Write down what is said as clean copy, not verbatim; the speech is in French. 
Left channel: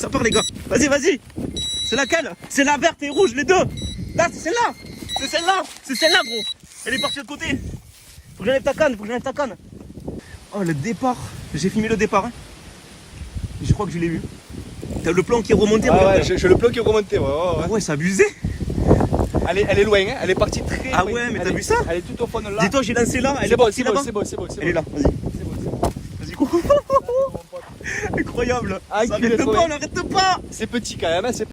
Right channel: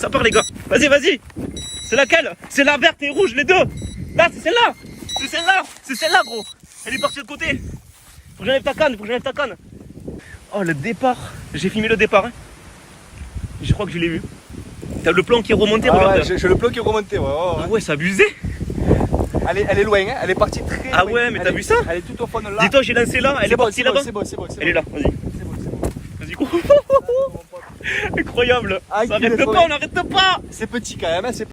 Ça part les gars. Vas-y, vas-y. C'est laquelle? C'est la verte et rouge, les deux. Là, c'est celle-là. C'est celle-là. C'est celle-là, gros. Elle est partie de l'autre côté. Faut que j'enlève ta canne, faut que j'enlève ta canne. Oh, le départ. J'ai filmé le départ. Hein. Je crois que je l'ai vu. T'as le plan qui est remonté, regarde. Ouais, j'ai le plan qui est remonté. Ouais. Ah ouais, c'est abusé. Elle est loin, hein. Elle est partie très loin. Ah ouais, mais t'as vu ça? Elle est tout au fond de là. Dis-toi, j'ai lancé là, elle est partie là-bas. C'est bon. Elle est là, vas-y. Vas-y, cours. Incroyable. Ah, Ça arrête il est pas, on n'arrête pas. C'est petit quand même, hein.